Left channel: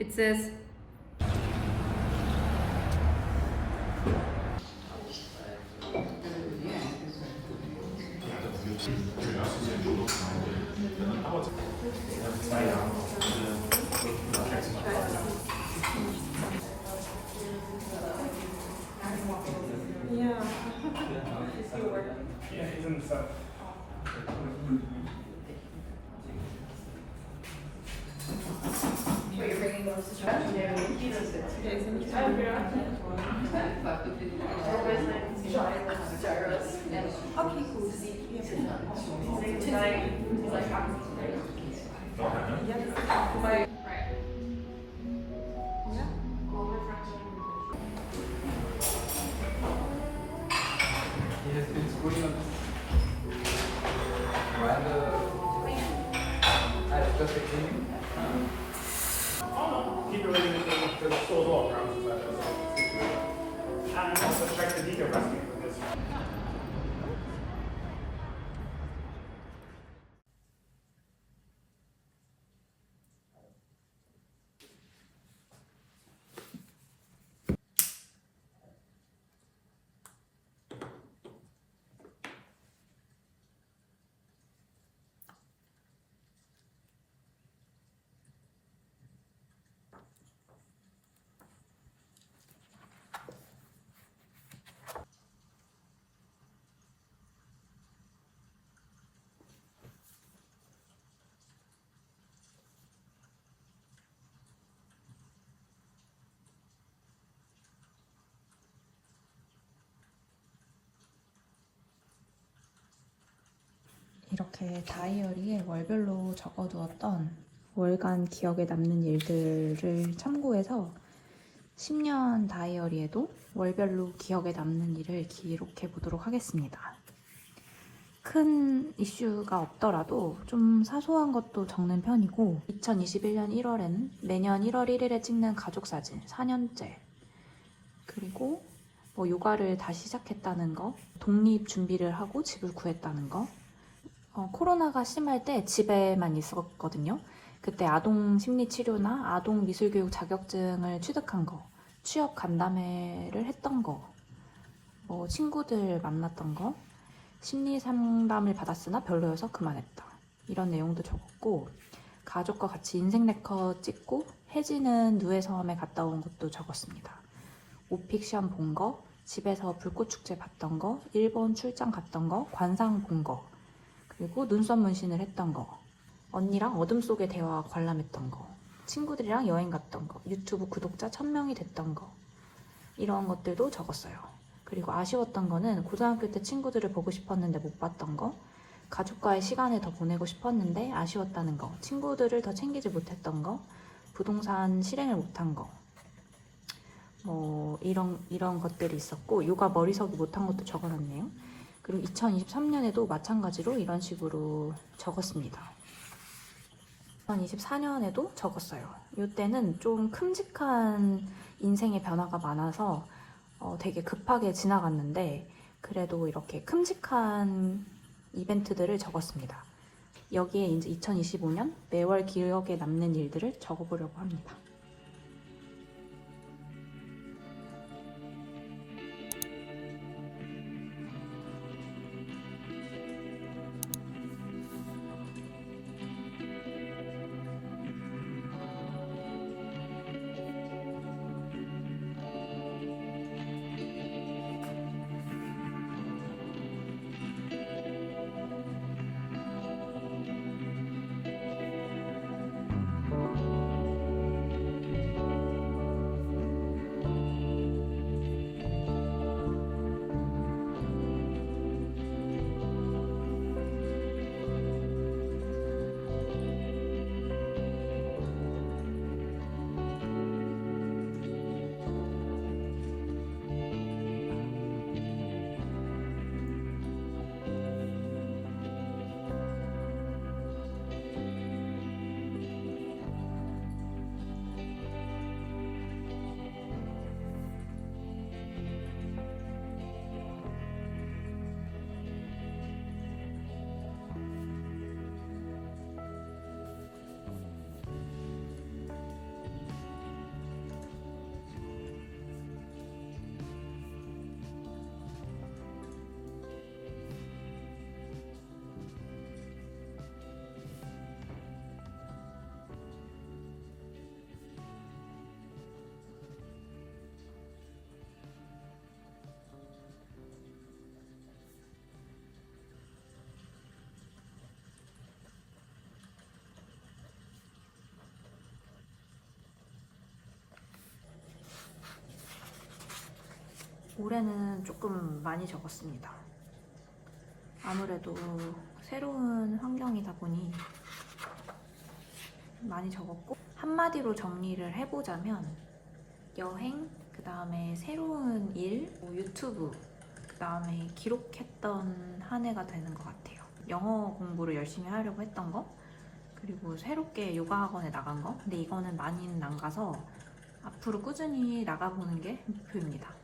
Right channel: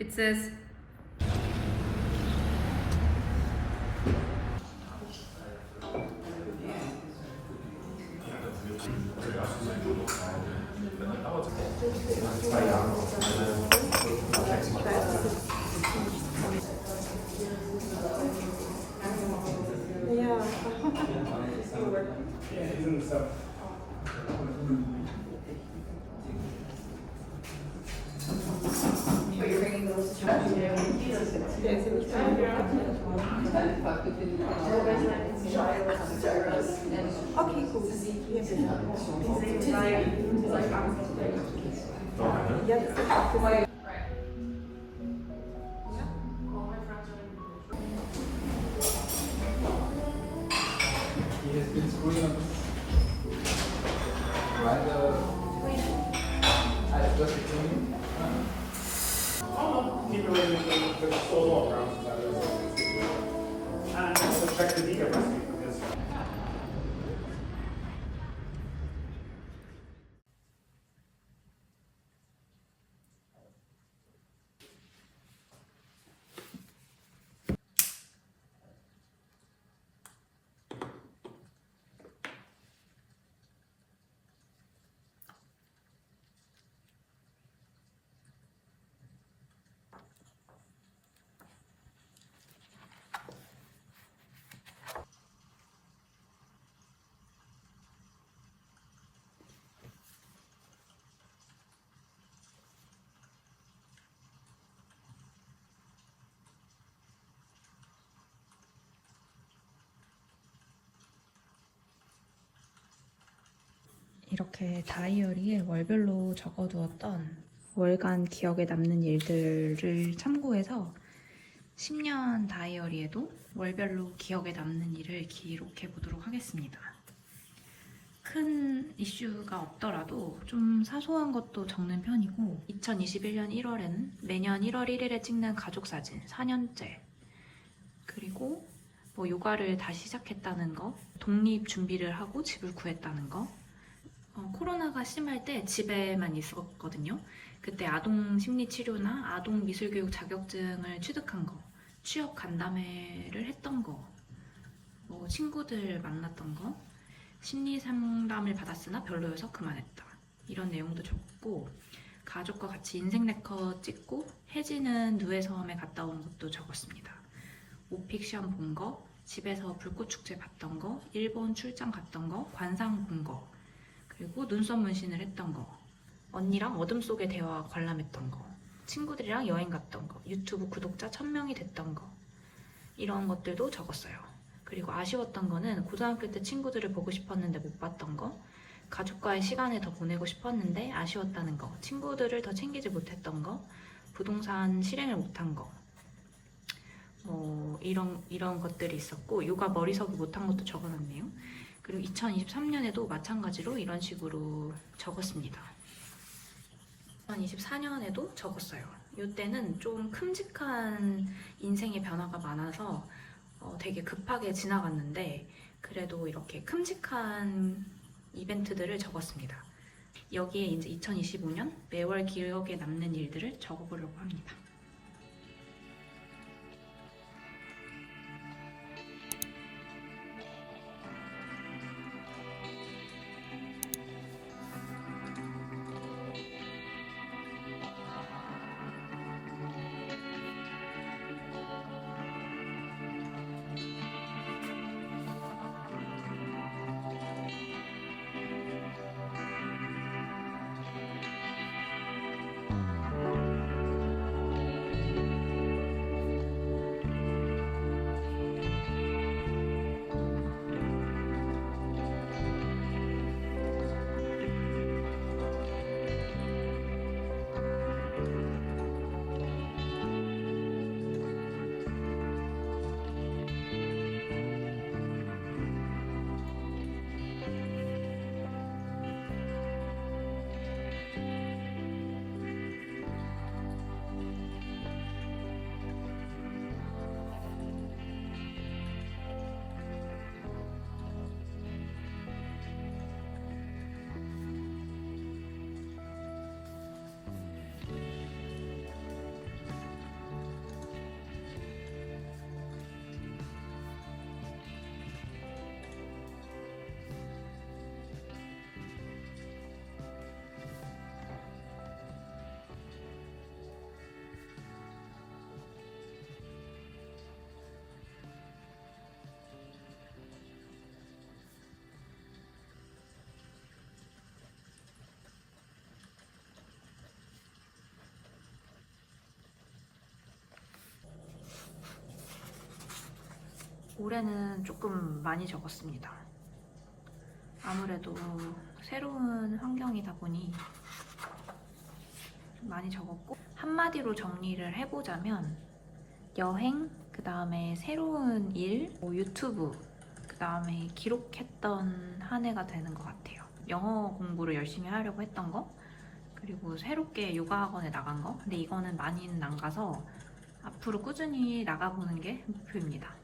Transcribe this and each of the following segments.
it says 이렇게 다이어리에 월별로 적어두었던 월간 기억에 남는 일들을 참고해서 10년 다이어리에도 월별로 기억에 남는 일을 기록해 보도록 하겠습니다. 큰 이슈가 없더라도 좀 사소한 것도 적는 편이고 2021년 1월에는 매년 1월 1일에 찍는 가족사진 4년째, 그리고 요가를 다시 시작했다는 거, 독립 준비를 하고 집을 구했다는 거, 코로나가 심할 때 집에만 있었거든요. 그때 아동 심리치료나 아동 미술교육 자격증을 취득한 거, 취업 간담회를 했던 거, 친구들 만났던 거, 심리 상담을 받았으나 별로여서 그만했다, 이런 내용도 적었고, 가족과 같이 인생 네컷 찍고 해지는 누에섬에 갔다 온 것도 적었습니다. 오픽션 본 거, 집에서 불꽃축제 봤던 거, 일본 출장 갔던 거, 관상 본 거, 그리고 눈썹 문신을 했던 거, 언니랑 어둠 속의 대화 관람했던 거, 친구들이랑 여행 갔던 거, 유튜브 구독자 1000명이 됐던 거, 이런 것들도 적었어요. 그리고 아쉬웠던 거는 고등학교 때 친구들을 보고 싶었는데 못 봤던 거, 가족과의 시간을 더 보내고 싶었는데 아쉬웠다는 거, 친구들을 더 챙기지 못했던 거, 부동산 실행을 못한 거, 이런 것들이 있었고, 요가 머리석이 못한 것도 적어놨네요. 그리고 2023년에도 마찬가지로 이런 식으로 적었습니다. 2024년에도 적었어요. 이때는 좀 큼직한 인생의 변화가 많아서 되게 급하게 지나갔는데, 그래도 이렇게 큼직한 이벤트들을 적었습니다. 여기에 이제 2025년 매월 기억에 남는 일들을 적어보려고 합니다. 올해는 조금 많이 적었습니다. 아무래도 새로운 환경이다 보니 많이 적었고, 한마디로 정리를 해보자면 여행, 그 다음에 새로운 일, 유튜브, 그 다음에 기록했던 한 해가 되는 것 같아요. 영어 공부를 열심히 하려고 했던 거, 그리고 새롭게 요가 학원에 나간 거. 근데 이거는 많이는 안 가서 앞으로 꾸준히 나가보는 게 목표입니다.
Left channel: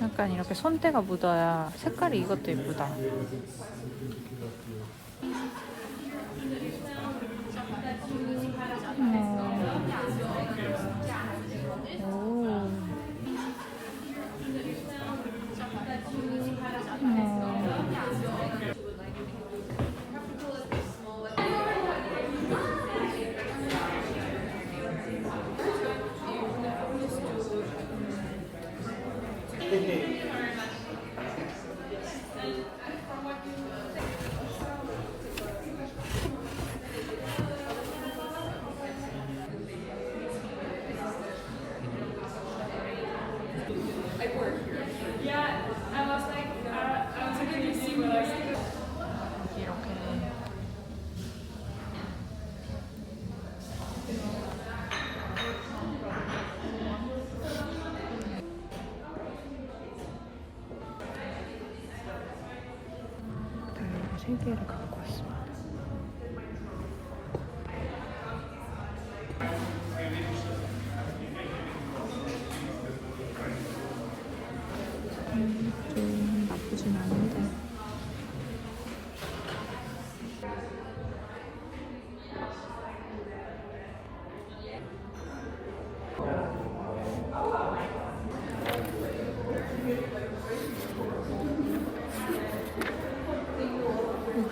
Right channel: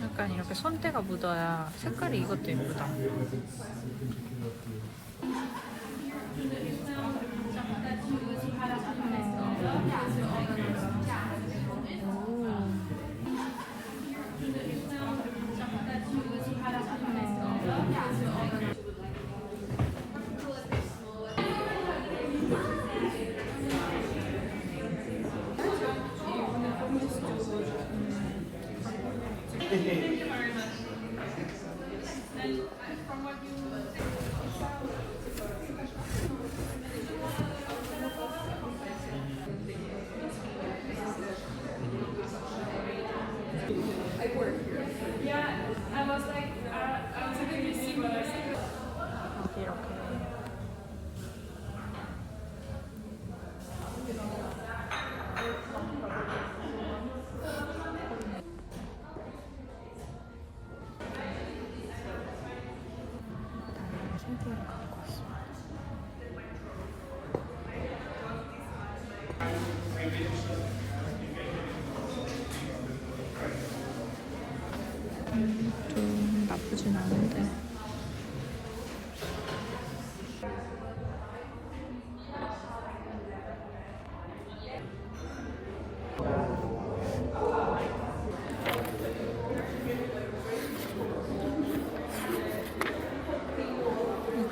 약간 이렇게 손때가 묻어야 색깔이 이것도 예쁘다. 여기 이렇게 다이어리 3개를 갖고 왔습니다. 좀 나쁘진 않은데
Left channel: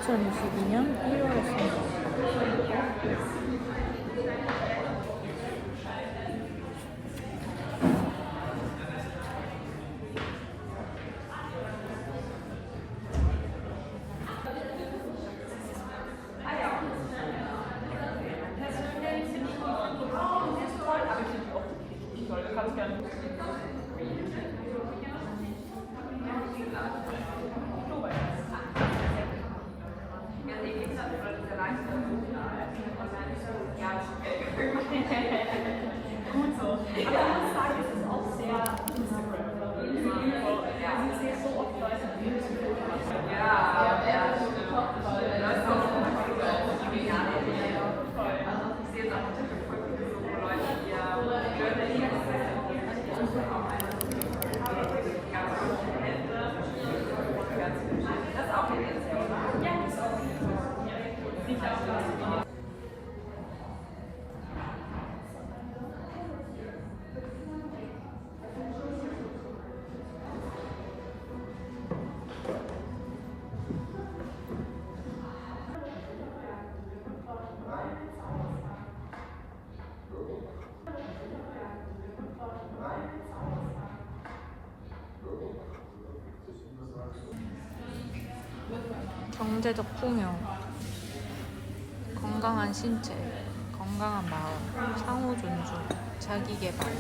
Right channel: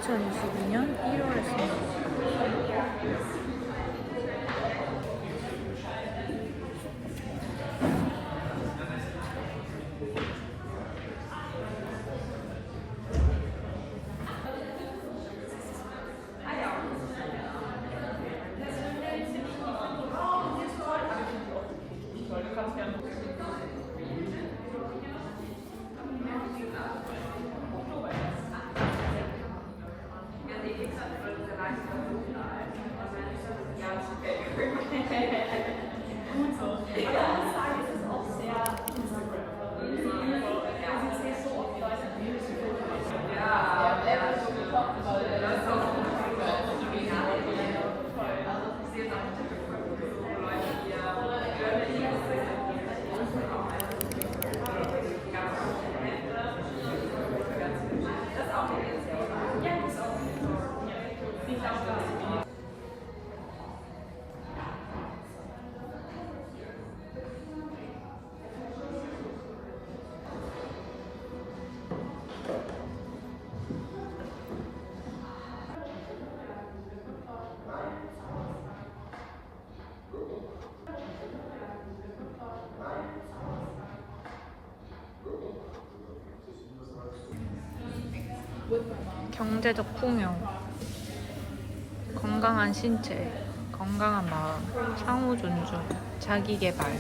(2022년 1월에) 씁니다. 경제적 풍요, 건강한 신체, 건강한 마음, 상호 존중, 자기 개발,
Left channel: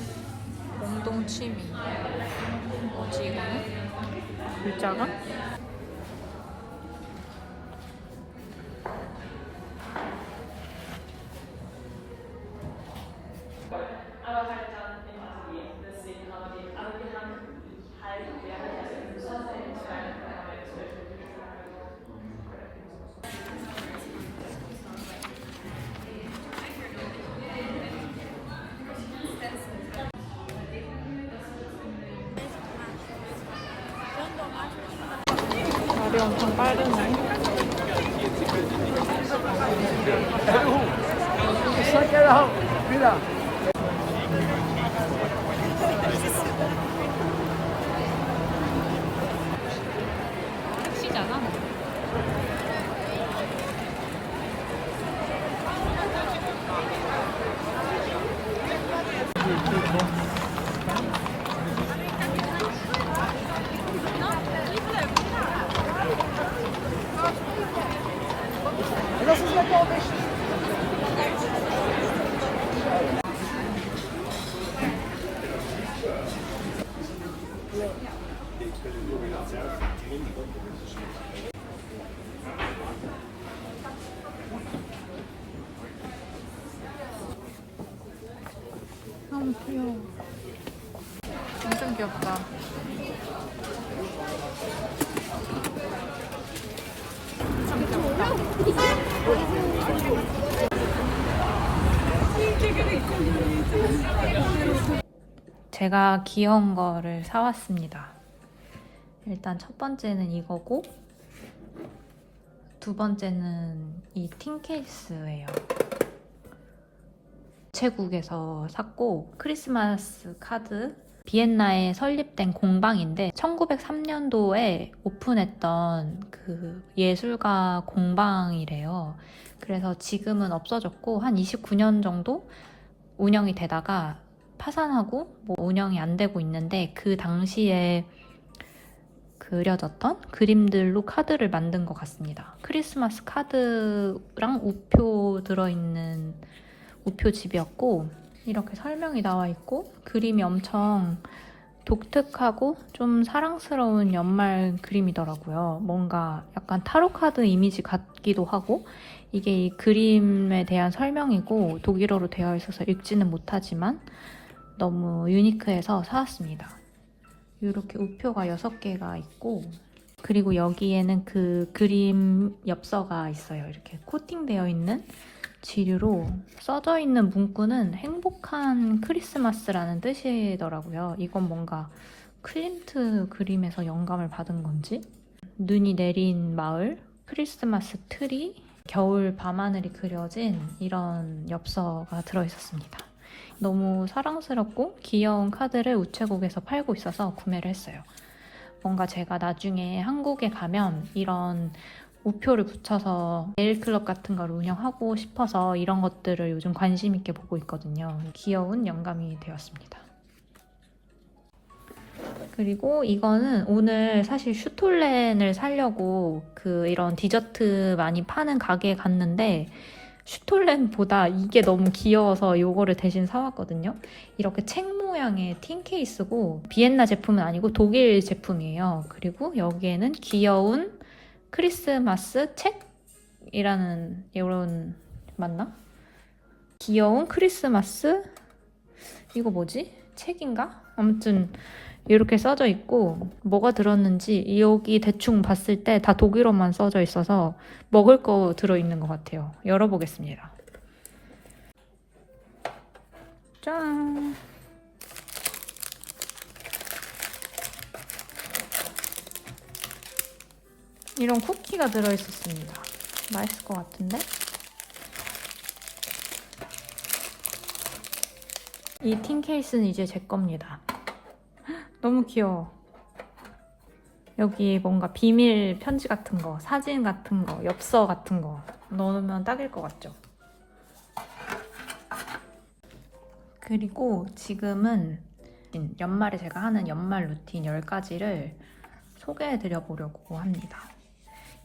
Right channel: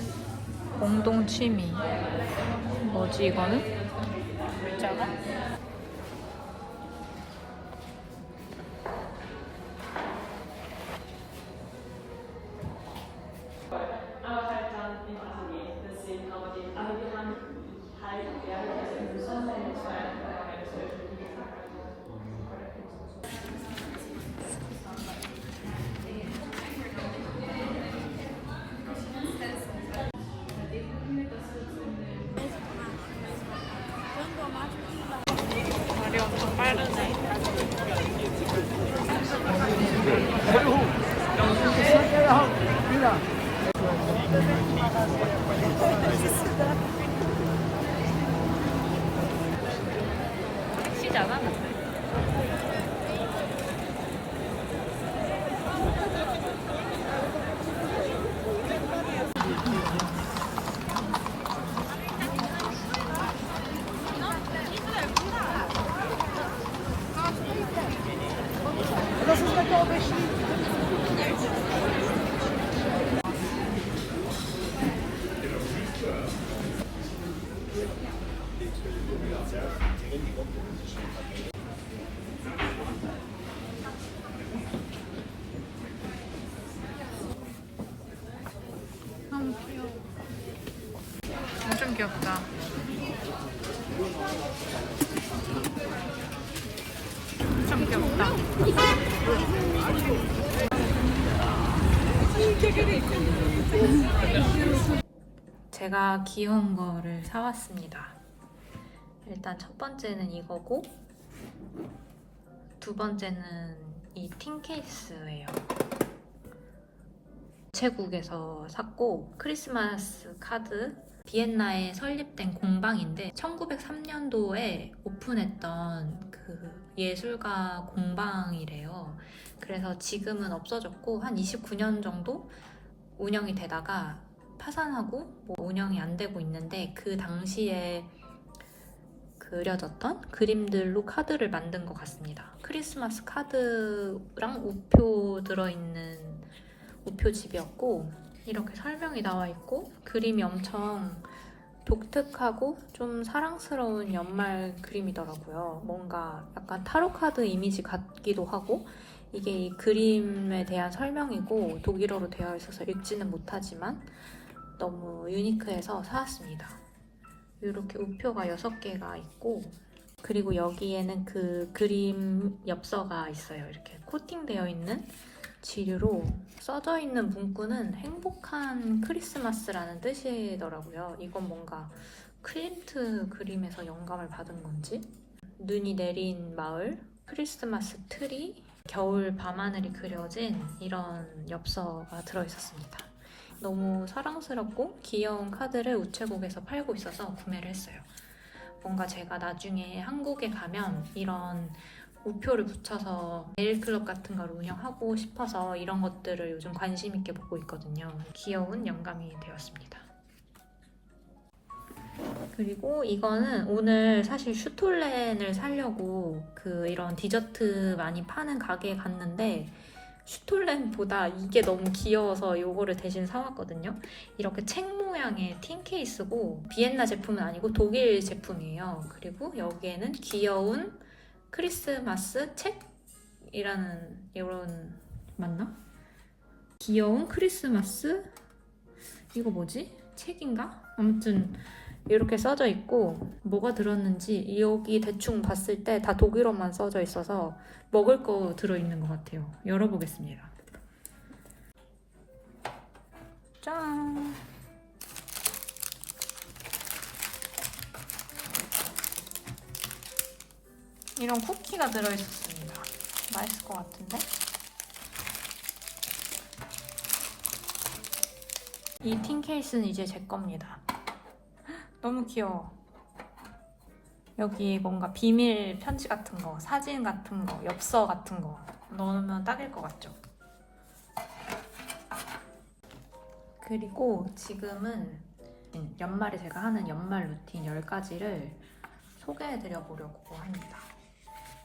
공동 취미. 뭐지 이거는? 글자가? Aber halt dann im Atelier, deswegen haben die alle gelandet. Halt, ja. 엄청 빠르네. 시잖아. 너무 귀여워. 엄청 귀엽다. 엄청 귀엽다. 제가 귀여운 거를 사왔습니다. 일단 첫 번째는 이거고, 두 번째는 이 틴 케이스예요. 우체국에서 샀고, 크리스마스 카드. 비엔나에 설립된 공방인데 1903년도에 오픈했던 그 예술가 공방이래요. 그래서 지금은 없어졌고 한 29년 정도 운영이 되다가 파산하고 뭐 운영이 안 되고 있는데, 그 당시에 그려졌던 그림들로 카드를 만든 것 같습니다. 크리스마스 카드랑 우표 들어있는 우표집이었고, 이렇게 설명이 나와 있고 그림이 엄청 독특하고 좀 사랑스러운 연말 그림이더라고요. 뭔가 약간 타로 카드 이미지 같기도 하고, 이게 이 그림에 대한 설명이고 독일어로 되어 있어서 읽지는 못하지만 너무 유니크해서 사왔습니다. 이렇게 우표가 6개가 있고, 그리고 여기에는 그 그림 엽서가 있어요. 이렇게 코팅되어 있는 지류로 써져 있는 문구는 행복한 크리스마스라는 뜻이더라고요. 이건 뭔가 클림트 그림에서 영감을 받은 건지. 눈이 내린 마을, 크리스마스 트리, 겨울 밤하늘이 그려진 이런 엽서가 들어있었습니다. 너무 사랑스럽고 귀여운 카드를 우체국에서 팔고 있어서 구매를 했어요. 뭔가 제가 나중에 한국에 가면 이런 우표를 붙여서 네일클럽 같은 걸 운영하고 싶어서 이런 것들을 요즘 관심 있게 보고 있거든요. 귀여운 영감이 되었습니다. 그리고 이거는 오늘 사실 슈톨렌을 사려고 이런 디저트 많이 파는 가게에 갔는데, 슈톨렌보다 이게 너무 귀여워서 이거를 대신 사왔거든요. 이렇게 책 모양의 틴 케이스고, 비엔나 제품은 아니고 독일 제품이에요. 그리고 여기에는 귀여운 크리스마스 책이라는, 이런, 맞나? 귀여운 크리스마스, 이거 뭐지? 책인가? 아무튼 이렇게 써져 있고, 뭐가 들었는지 여기 대충 봤을 때 다 독일어만 써져 있어서 먹을 거 들어있는 것 같아요. 열어보겠습니다. 짠! 이런 쿠키가 들어있었습니다. 맛있을 것 같은데? 이 틴 케이스는 이제 제 겁니다. 너무 귀여워. 여기 뭔가 비밀 편지 같은 거, 사진 같은 거, 엽서 같은 거 넣으면 딱일 것 같죠? 그리고 지금은 연말에 제가 하는 연말 루틴 10가지를 소개해드려 보려고 합니다.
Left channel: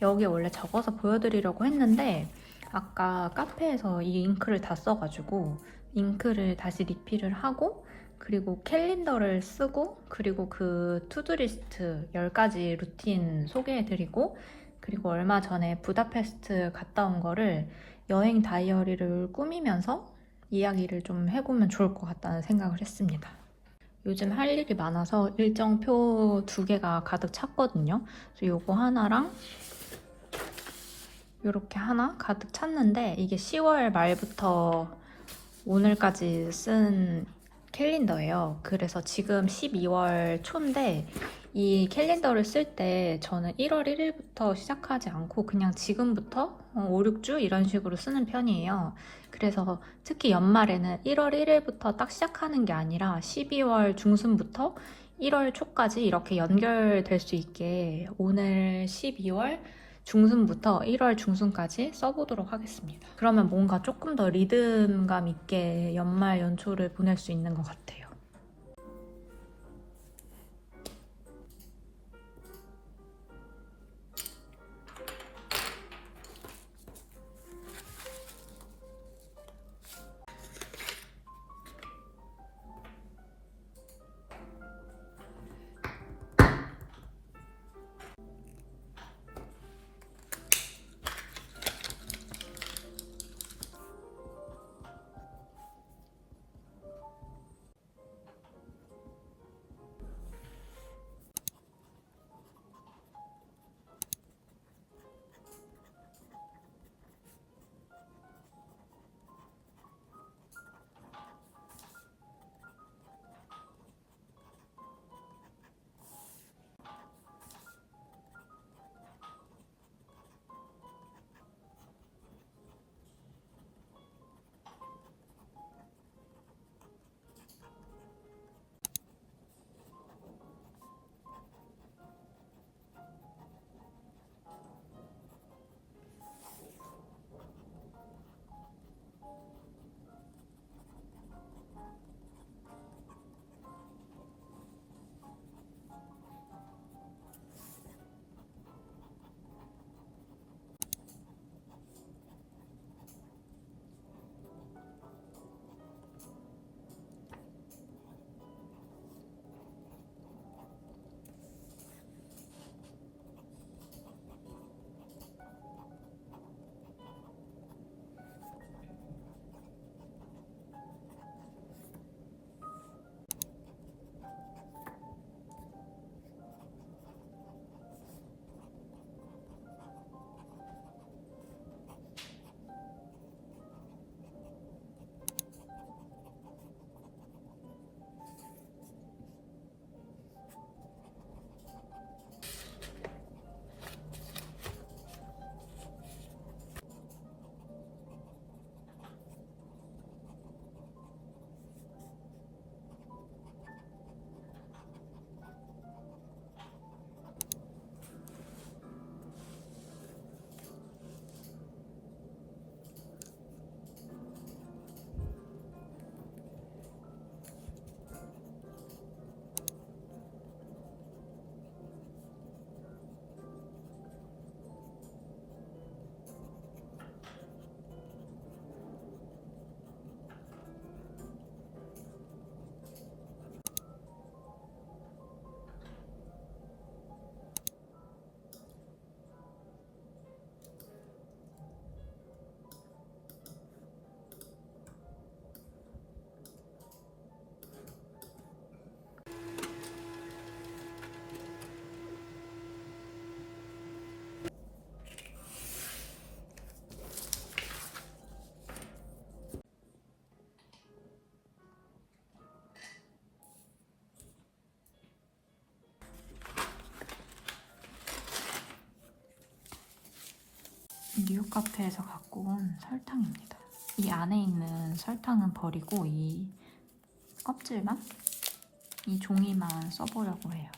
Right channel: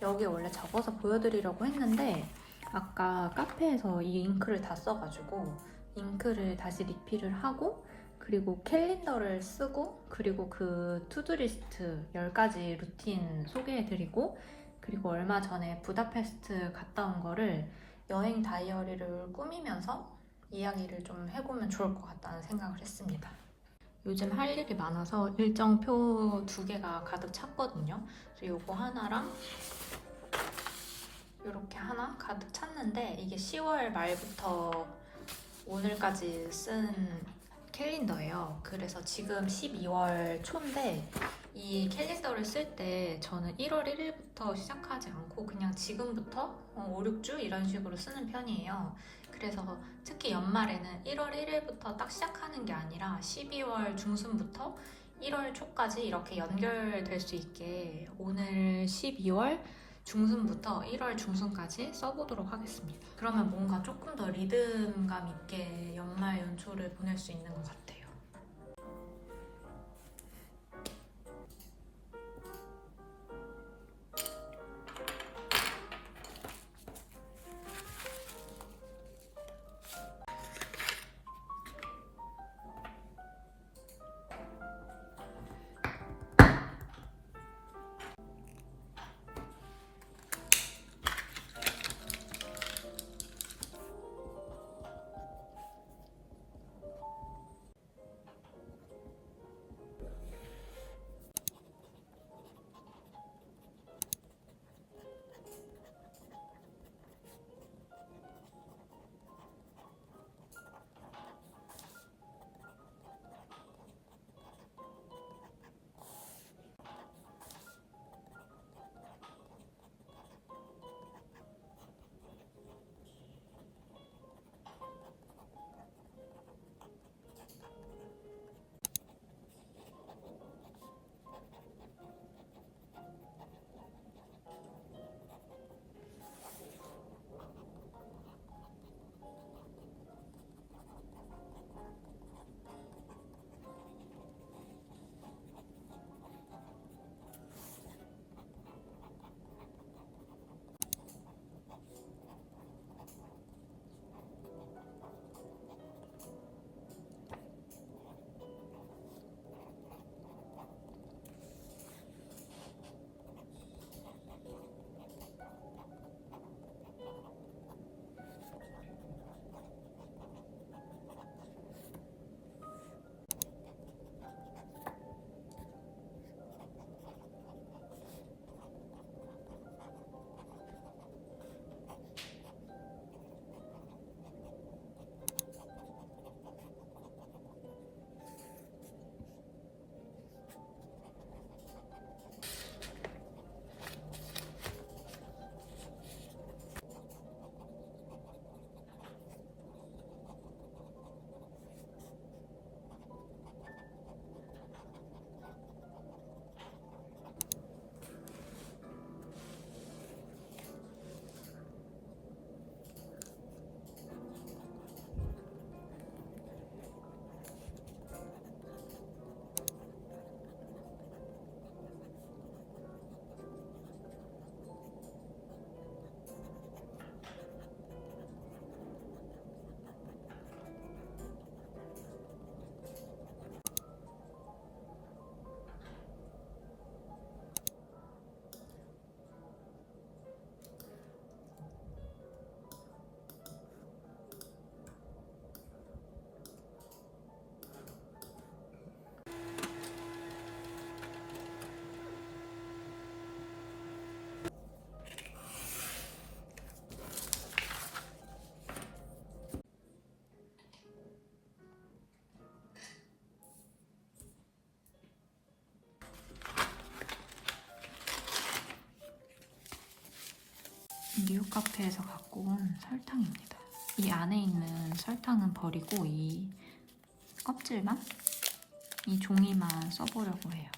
여기 원래 적어서 보여드리려고 했는데, 아까 카페에서 이 잉크를 다 써가지고 잉크를 다시 리필을 하고, 그리고 캘린더를 쓰고, 그리고 그 투두리스트 10가지 루틴 소개해드리고, 그리고 얼마 전에 부다페스트 갔다 온 거를 여행 다이어리를 꾸미면서 이야기를 좀 해보면 좋을 것 같다는 생각을 했습니다. 요즘 할 일이 많아서 일정표 2개가 가득 찼거든요. 그래서 요거 하나랑 이렇게 하나 가득 찼는데, 이게 10월 말부터 오늘까지 쓴 캘린더예요. 그래서 지금 12월 초인데 이 캘린더를 쓸 때 저는 1월 1일부터 시작하지 않고 그냥 지금부터 5, 6주 이런 식으로 쓰는 편이에요. 그래서 특히 연말에는 1월 1일부터 딱 시작하는 게 아니라 12월 중순부터 1월 초까지 이렇게 연결될 수 있게 오늘 12월 중순부터 1월 중순까지 써보도록 하겠습니다. 그러면 뭔가 조금 더 리듬감 있게 연말 연초를 보낼 수 있는 것 같아요. 미국 카페에서 갖고 온 설탕입니다. 이 안에 있는 설탕은 버리고 이 껍질만, 이 종이만 써보려고 해요.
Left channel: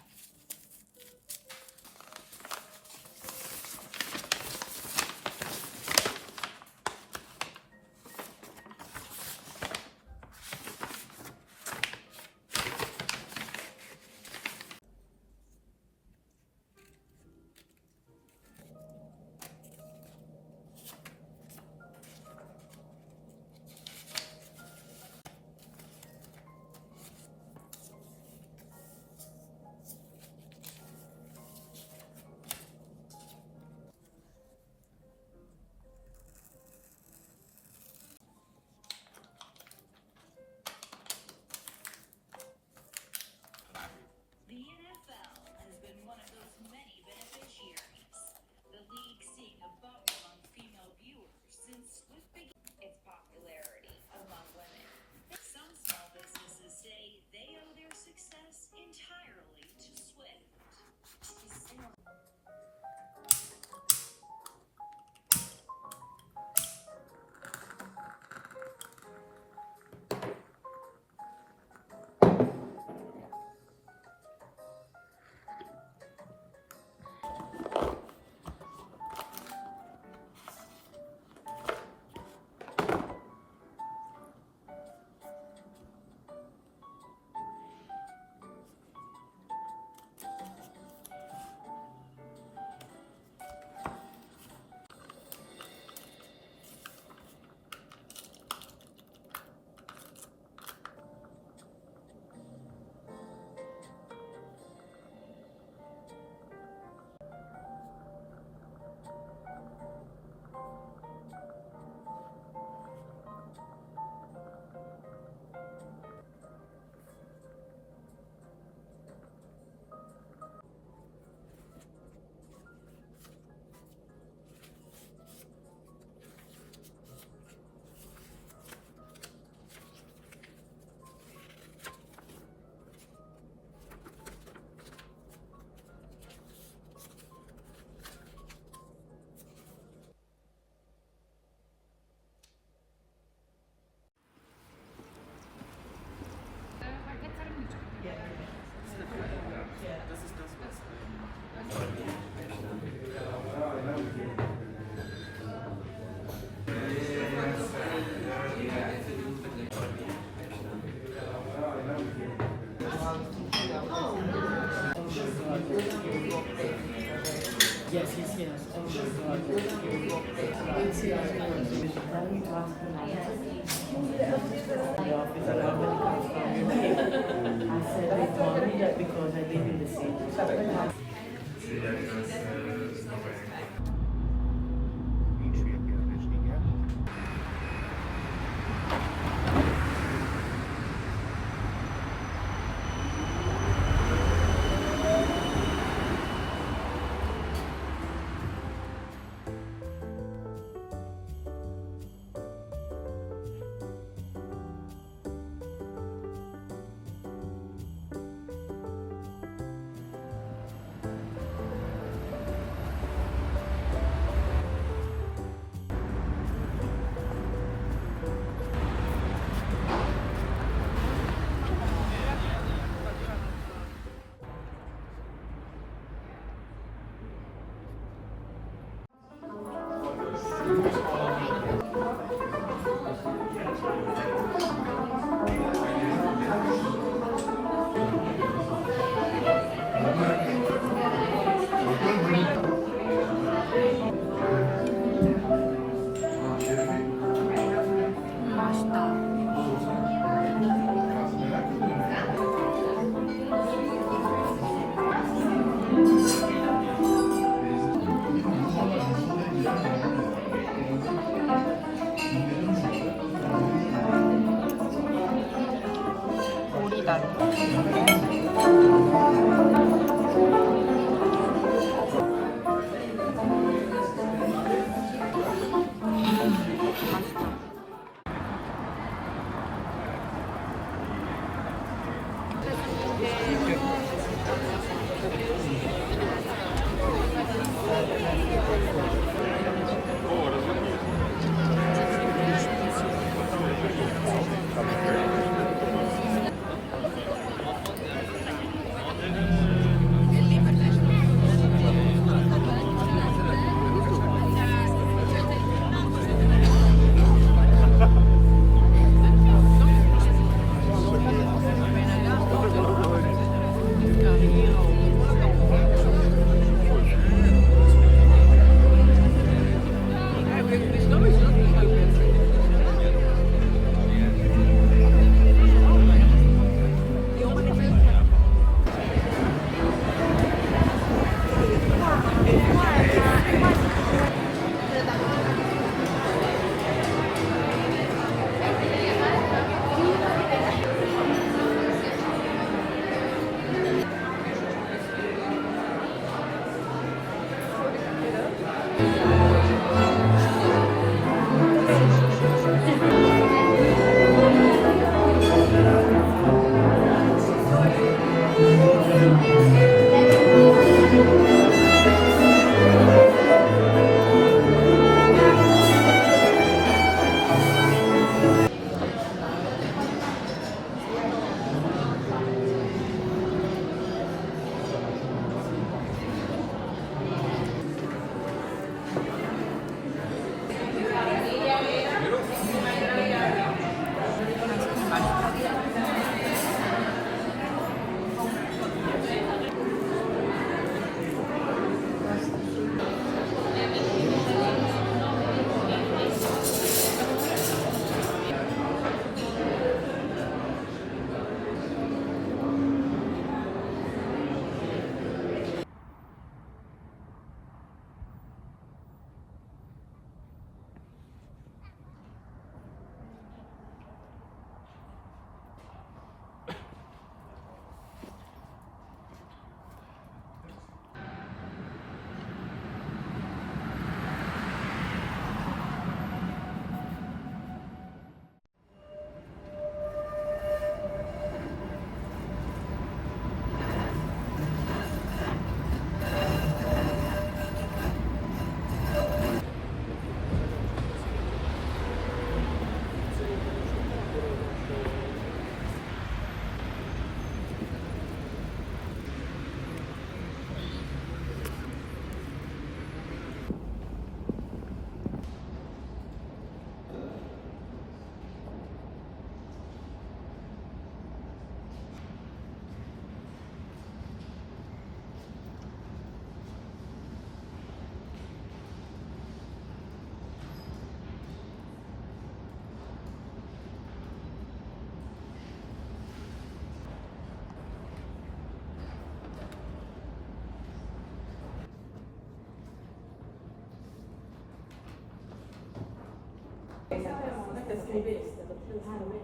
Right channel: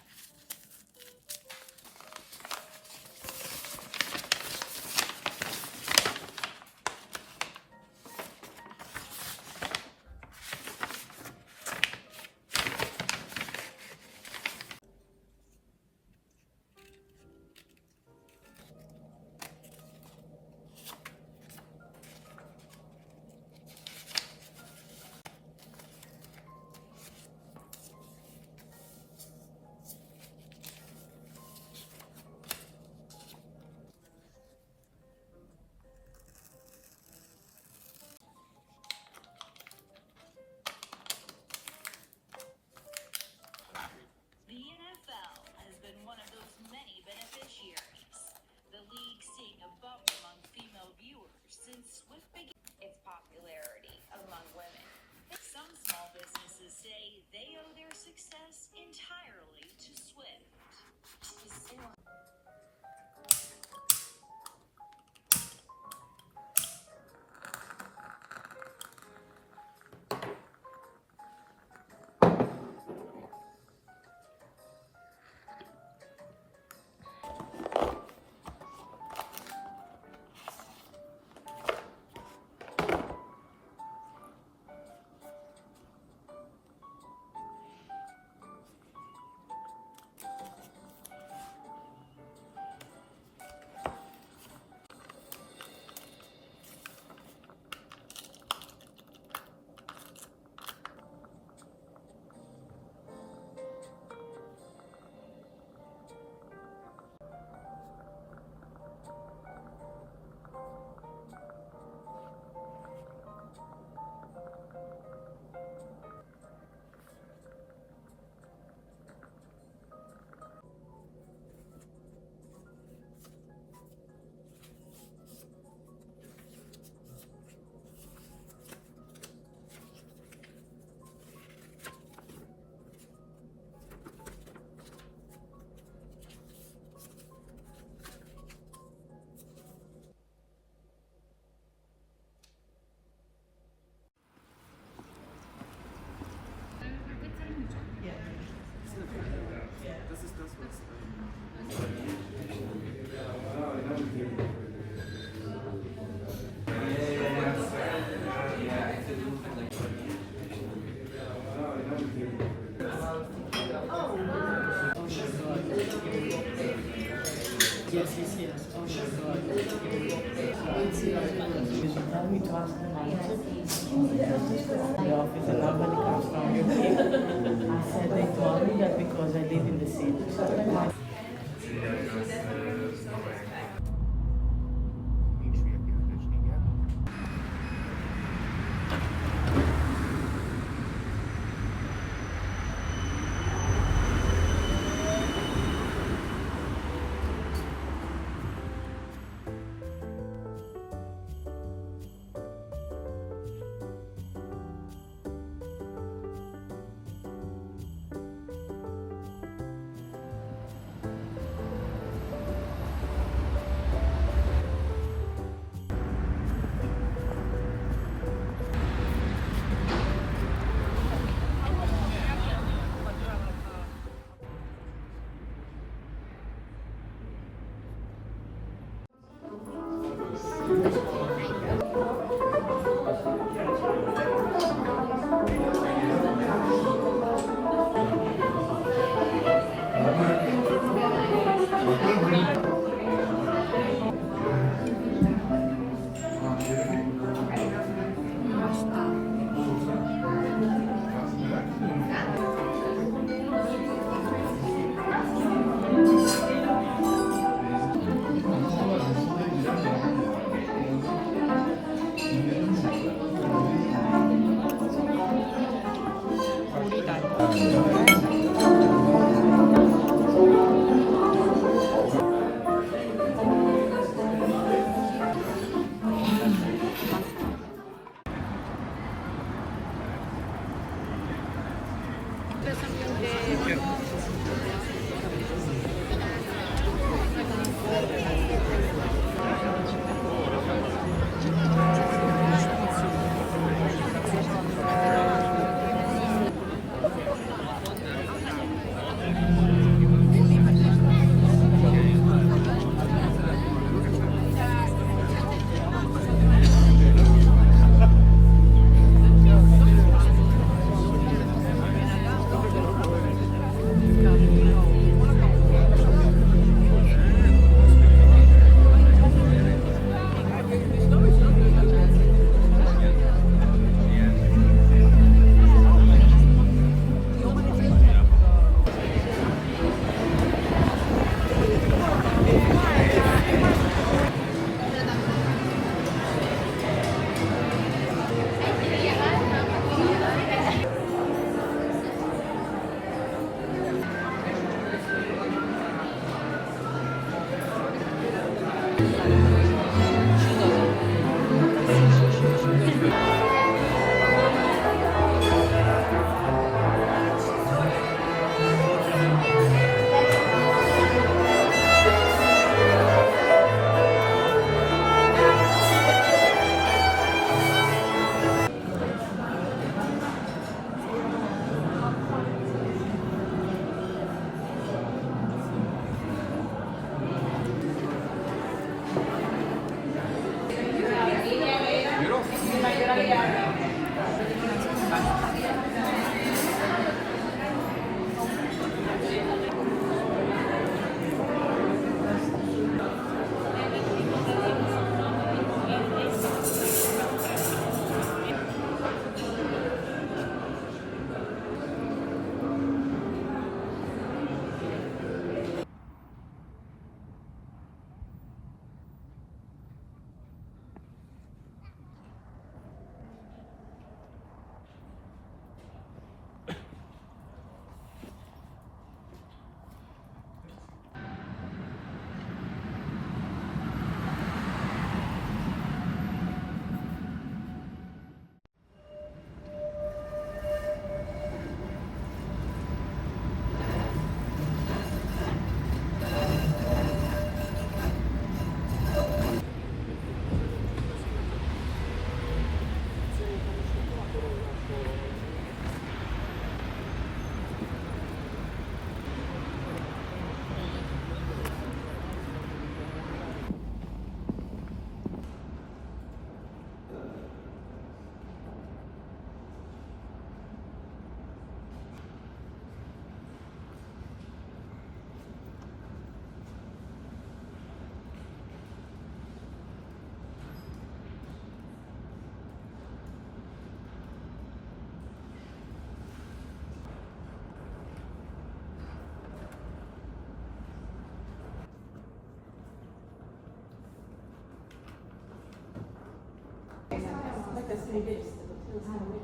scrivesse, potete fare una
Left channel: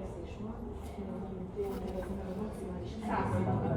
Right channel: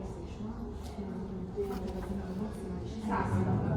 session,